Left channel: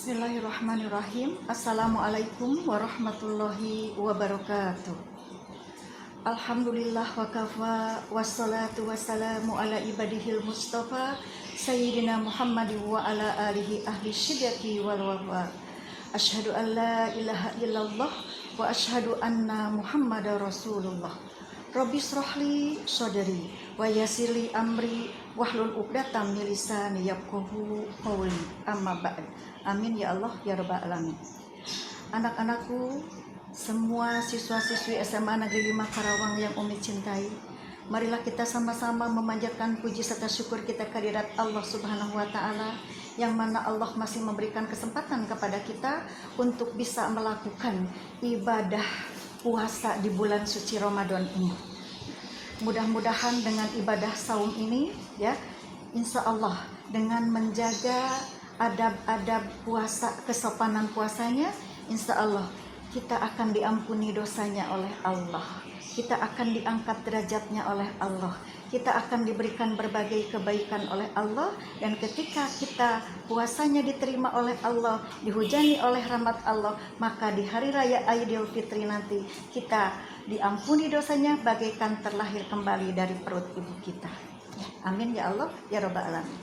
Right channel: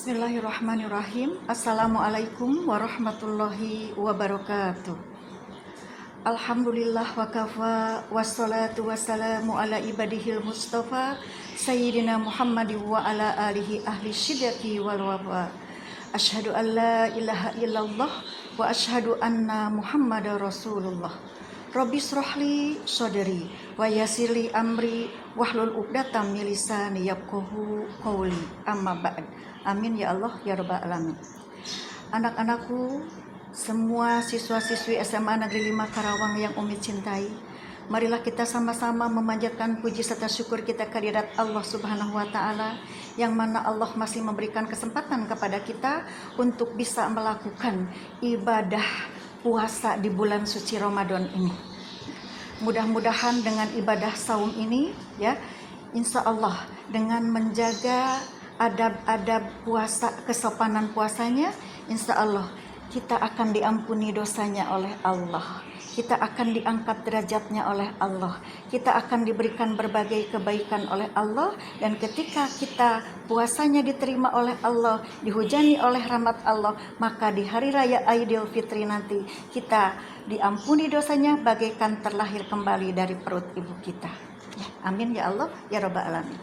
Bismillahirrahmanirrahim. Assalamualaikum warahmatullahi wabarakatuh. Alhamdulillah wa kafa, wassalatu wassalamu ala ibadihil mustafa Sayyidina Muhammad wa ala alihi ahli syidqi wal wafa. Asyhadu an la ilaha illallah wa asyhadu anna Muhammadar Rasulullah. Rabbi shrahli sadri wa yassirli amri wahlul 'uqdatam min lisani yafqahu qawli. Amma ba'd. Amin ya Allah ya rabbal alamin. Anak-anakku, semua siswa-siswi SMA Negeri 5 Karawang yang Umi cintai, marilah kita sama-sama memanjatkan puji serta syukur kita kehadirat Allah Subhanahu wa taala, yang mana Allah masih memberikan kesempatan kepada kita untuk bisa melakukan ibadah puasa di bulan suci Ramadan ini. Mudah-mudahan dengan ibadah saum ini ya, insya Allah dengan menjaga adab-adab puasa, kesopanan puasanya, insya Allah kita akan diampuni dosanya oleh Allah, kita akan diangkat derajatnya oleh Allah, kita akan diberikan berbagai kebaikan oleh Allah, dan ketika kita puasanya diterima oleh Allah, dihujani oleh rahmat Allah, maka di hari raya Aidil Fitri nanti kita diampuni dosanya bagaikan terlahir kembali dari perut ibu kita. Ya, amin ya Allah ya rabbal alamin.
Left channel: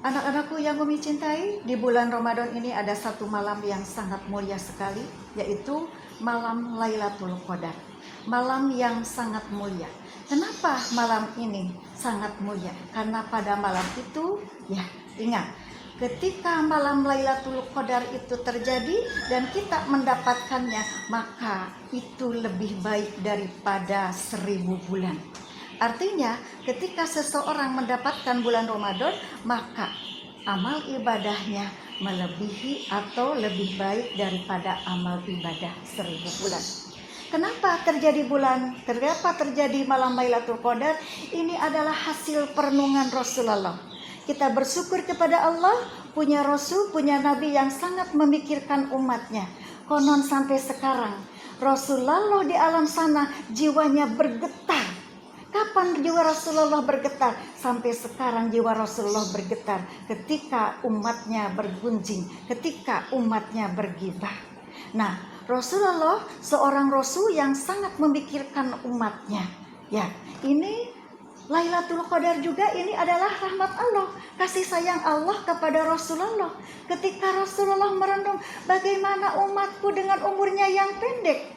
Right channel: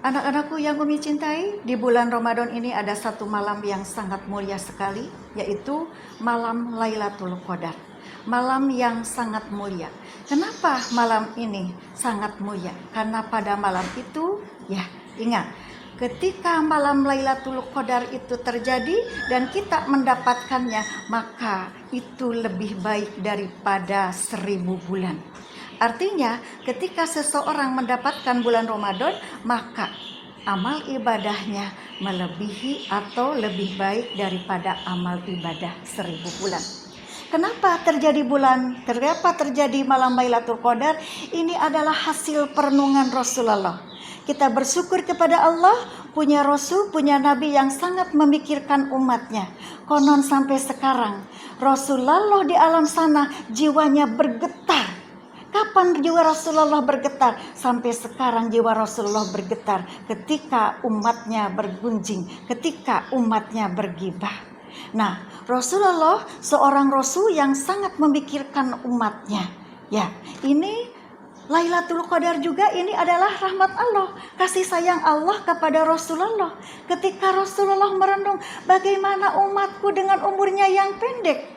Anak-anakku yang Umi cintai, di bulan Ramadan ini ada satu malam yang sangat mulia sekali, yaitu malam Lailatul Qadar. Malam yang sangat mulia. Kenapa malam ini sangat mulia? Karena pada malam itu, ya ingat, ketika malam Lailatul Qadar itu terjadi dan kita mendapatkannya, maka itu lebih baik daripada 1000 bulan. Artinya ketika seseorang mendapatkan bulan Ramadan, maka amal ibadahnya melebihi atau lebih baik daripada amal ibadah 1000 bulan. Kenapa terjadi malam Lailatul Qadar? Ini adalah hasil perenungan Rasulullah. Kita bersyukur kepada Allah, punya Rasul, punya Nabi yang sangat memikirkan umatnya. Konon sampai sekarang Rasulullah di alam sana jiwanya bergetar. Kapan jiwa Rasulullah bergetar? Sampai sekarang jiwa Rasulullah bergetar ketika umatnya bergunjing, ketika umatnya bergibah. Nah, Rasulullah seorang Rasul yang sangat memikirkan umatnya. Ya, ini Lailatul Qadar juga ini adalah rahmat Allah, kasih sayang Allah kepada Rasulullah. Ketika Rasulullah merenung bagaimana umatku dengan umurnya yang pendek,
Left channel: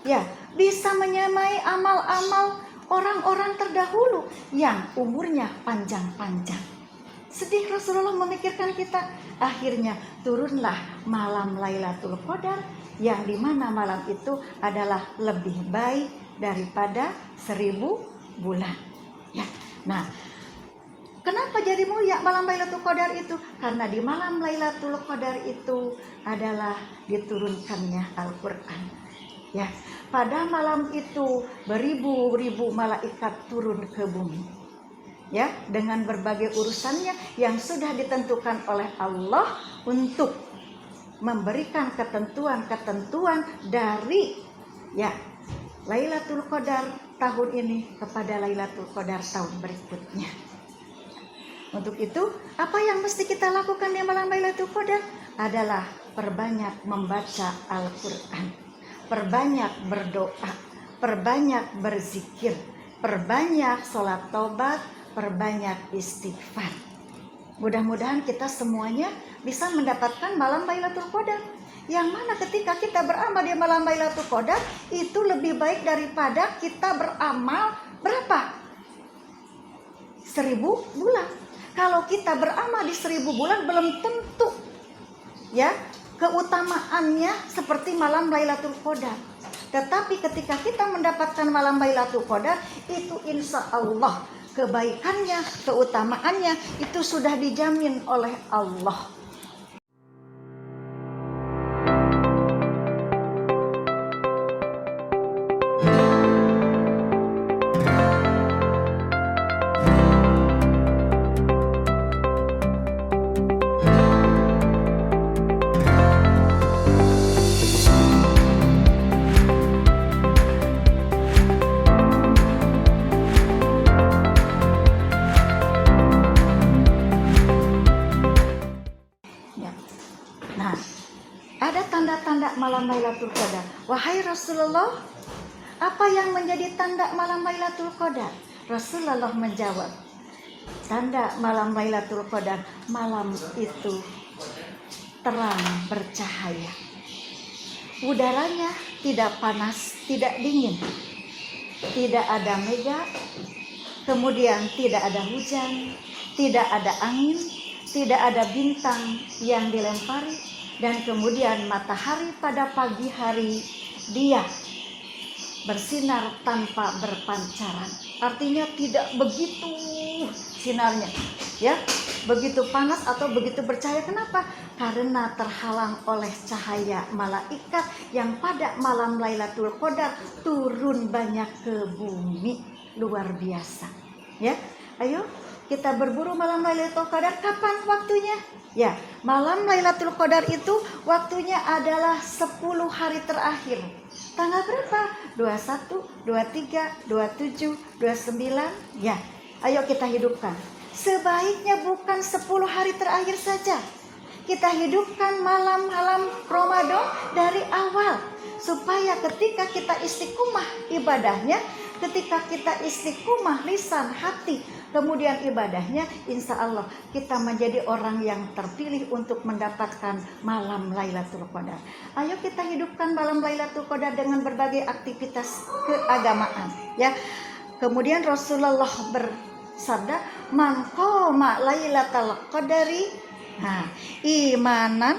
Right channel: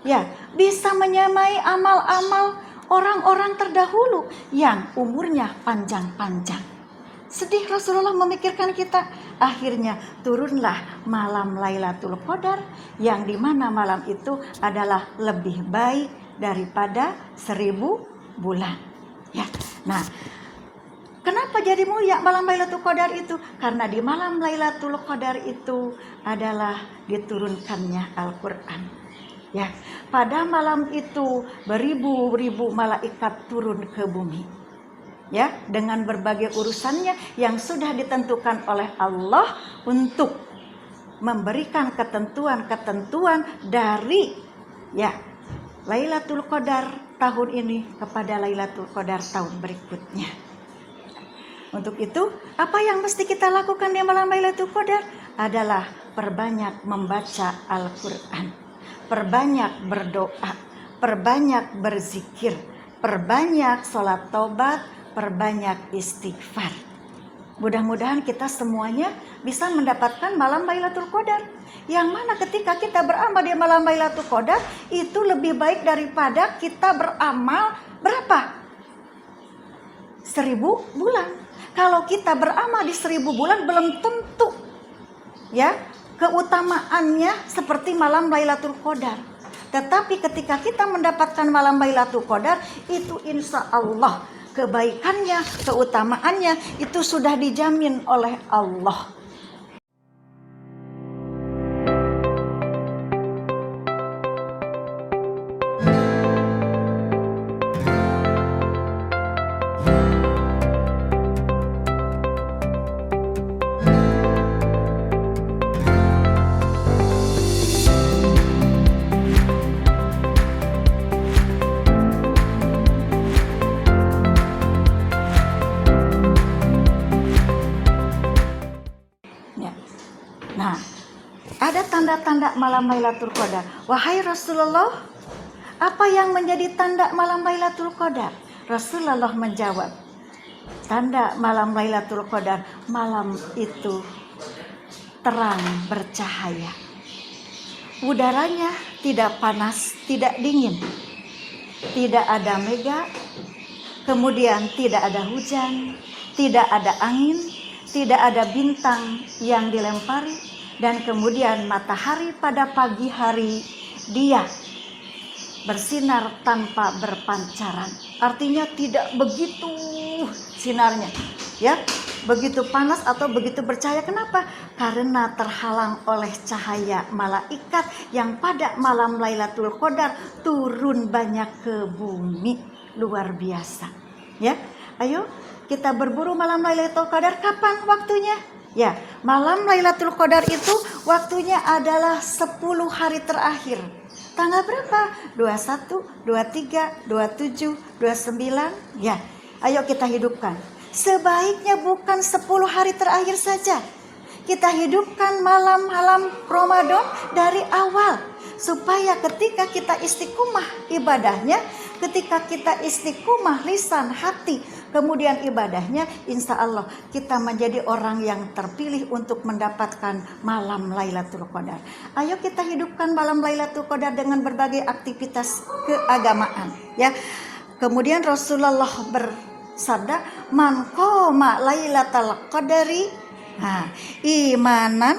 ya bisa menyamai amal-amal orang-orang terdahulu yang umurnya panjang-panjang. Sedih Rasulullah memikirkan kita. Akhirnya turunlah malam Lailatul Qadar, yang dimana malam itu adalah lebih baik daripada 1000 bulan. Ya, nah, kenapa jadi mulia malam Lailatul Qadar itu? Karena di malam Lailatul Qadar itu adalah diturunkannya Al-Quran. Ya, pada malam itu beribu-ribu malaikat turun ke bumi. Ya, dengan berbagai urusannya yang sudah ditentukan oleh Allah untuk memberikan ketentuan-ketentuan dari ya Lailatul Qadar tahun ini kepada Lailatul Qadar tahun berikutnya. Untuk itu, apa yang mesti kita lakukan di malam Lailatul Qadar adalah perbanyak membaca Al-Quran, perbanyak berdoa, perbanyak berzikir, perbanyak sholat taubat, perbanyak istighfar. Mudah-mudahan kita semuanya bisa mendapatkan malam Lailatul Qadar, yang mana ketika kita beramal di malam Lailatul Qadar itu lebih baik daripada kita beramal berapa? 1000 bulan. Kalau kita beramal di 1000 bulan belum tentu ya keutamaannya seperti malam Lailatul Qadar. Tetapi ketika kita mendapatkan malam Lailatul Qadar, itu insya Allah kebaikannya, keutamaannya itu sudah dijamin oleh Allah. tanda-tanda malam Lailatul Qadar. Wahai Rasulullah, apa yang menjadi tanda malam Lailatul Qadar? Rasulullah menjawab, tanda malam Lailatul Qadar, malam itu terang bercahaya. Udaranya tidak panas, tidak dingin. Tidak ada mega, kemudian tidak ada hujan, tidak ada angin, tidak ada bintang yang dilempari, dan kemudian matahari pada pagi hari dia bersinar tanpa berpancaran. Artinya tidak begitu sinarnya, ya, begitu panas atau begitu bercahaya. Kenapa? Karena terhalang oleh cahaya malaikat yang pada malam Lailatul Qadar turun banyak ke bumi. Luar biasa, ya. Ayo kita berburu malam Lailatul Qadar. Kapan waktunya? Ya, malam Lailatul Qadar itu waktunya adalah 10 hari terakhir. Tanggal berapa? 21, 23, 27, 29. Ya, ayo kita hidupkan. Sebaiknya bukan 10 hari terakhir saja. Kita hidupkan malam-malam Ramadan dari awal, supaya ketika kita istiqomah ibadahnya, ketika kita istiqomah lisan, hati, kemudian ibadahnya, insya Allah kita menjadi orang yang terpilih untuk mendapatkan malam Lailatul Qadar. Ayo kita hidupkan malam Lailatul Qadar dengan berbagai aktivitas keagamaan, ya. Kemudian Rasulullah bersabda, man qoma Lailatul Qadari imanan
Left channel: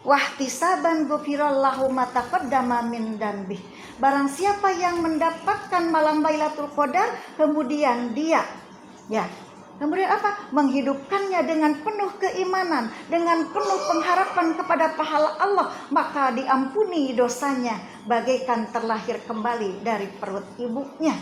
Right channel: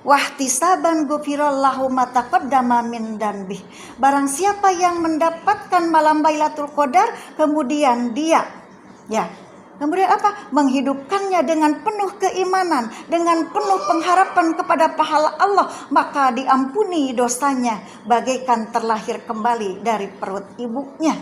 wahtisaban ghufirallahu ma taqaddama min dzanbih. Barang siapa yang mendapatkan malam Lailatul Qadar, kemudian dia, ya, kemudian apa? Menghidupkannya dengan penuh keimanan, dengan penuh pengharapan kepada pahala Allah, maka diampuni dosanya bagaikan terlahir kembali dari perut ibunya.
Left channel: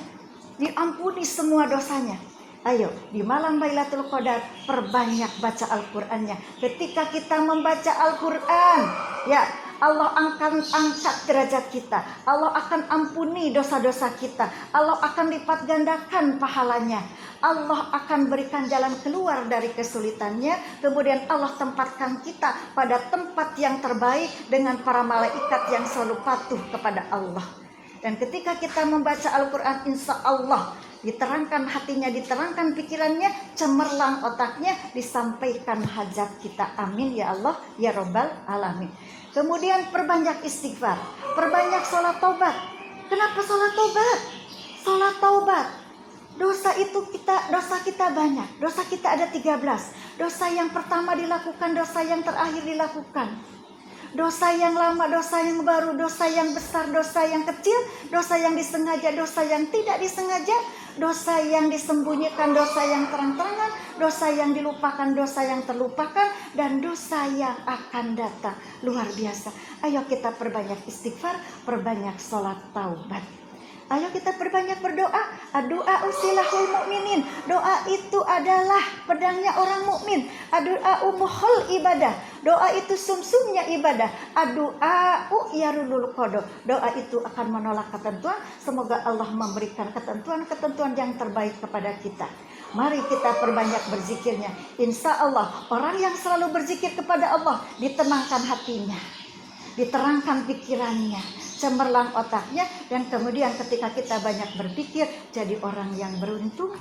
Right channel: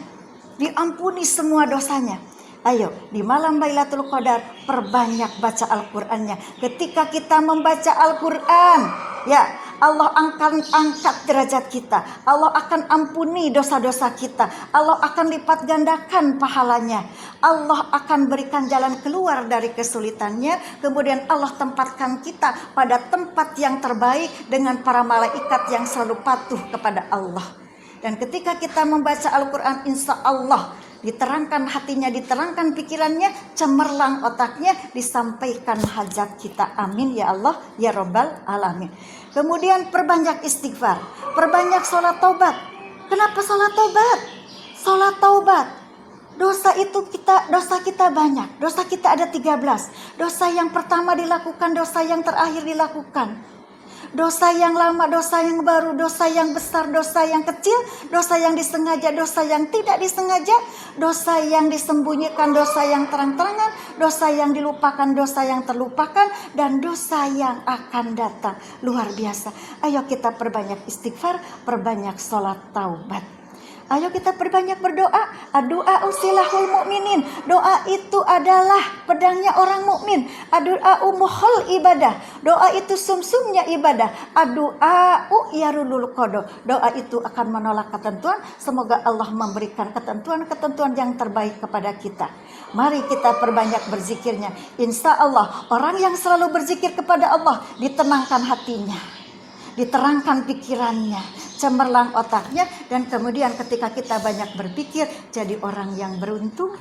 Diampuni semua dosanya. Ayo, di malam Lailatul Qadar perbanyak baca Al-Qur'annya. Ketika kita membaca Al-Qur'an, ya, Allah akan angkat derajat kita. Allah akan ampuni dosa-dosa kita. Allah akan lipat gandakan pahalanya. Allah akan berikan jalan keluar dari kesulitannya. Kemudian Allah tempatkan kita pada tempat yang terbaik dengan para malaikat yang selalu patuh kepada Allah. Dan ketika kita membaca Al-Qur'an, insya Allah diterangkan hatinya, diterangkan pikirannya, cemerlang otaknya, disampaikan hajat kita. Amin ya Allah ya Rabbal Alamin. Kemudian perbanyak istighfar, perbanyak sholat taubat. Kenapa sholat taubat? Sholat taubat, dosa kita banyak. Dosa kita ada 13. Dosa yang pertama dilakukan, dosa yang terakhir dilakukan. Dosa yang lama, dosa yang baru, dosa yang besar, dosa yang kecil, dosa yang disengaja, dosa yang tidak disengaja, dosa yang disembunyikan, dosa yang terang-terangan, dosa yang dilupakan, dosa yang terlupakan, dan dosa yang akan datang. Luar biasa. Ayo kita perbanyak istighfar, perbanyak sholat taubat. Ayo kita perbanyak berdoa. Doa usilahul mukminin. Doa itu adalah pedangnya orang mukmin. Doa umuhul ibadah. Doa itu sumsumnya ibadah. Doa yarulul qodo. Doa itu akan menolak ketentuan. Semoga Allah memberikan ketentuan-ketentuan yang terbaik kepada kita. Mari kita perbanyak berzikirnya. Insya Allah orang yang selalu berzikir kepada Allah, ditenangkan hatinya, diterangkan pikirannya, cemerlang otaknya, dan kemudian ketika kita banyak berpikir, jadi orang yang beruntung,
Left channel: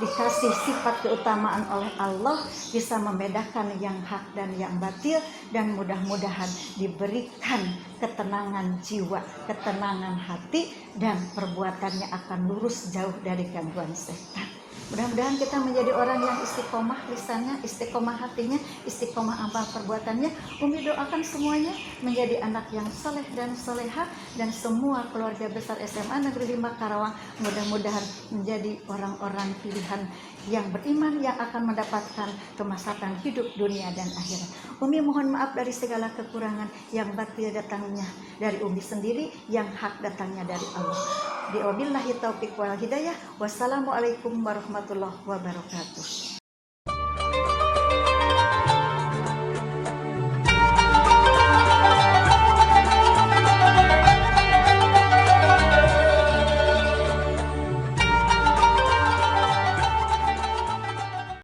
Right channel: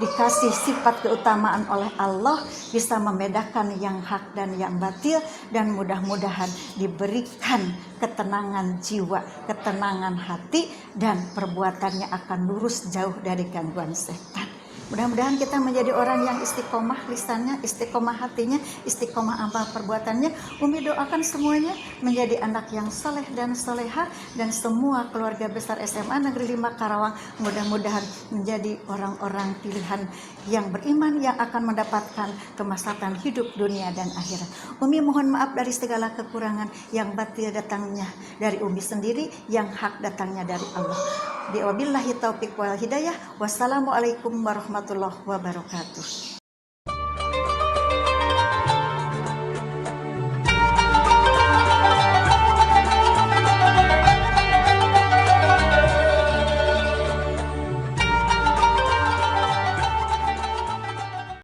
dikasih sifat keutamaan oleh Allah, bisa membedakan yang hak dan yang batil, dan mudah-mudahan diberikan ketenangan jiwa, ketenangan hati, dan perbuatannya akan lurus jauh dari gangguan setan. Mudah-mudahan kita menjadi orang yang istiqomah lisannya, istiqomah hatinya, istiqomah amal perbuatannya. Umi doakan semuanya menjadi anak yang soleh dan soleha, dan semua keluarga besar SMA Negeri 5 Karawang mudah-mudahan menjadi orang-orang pilihan yang beriman, yang akan mendapatkan kemaslahatan hidup dunia dan akhirat. Umi mohon maaf dari segala kekurangan, yang batil datangnya dari Umi sendiri, yang hak datangnya dari Allah. Wabillahi taufiq wal hidayah. Wassalamualaikum warahmatullahi wabarakatuh.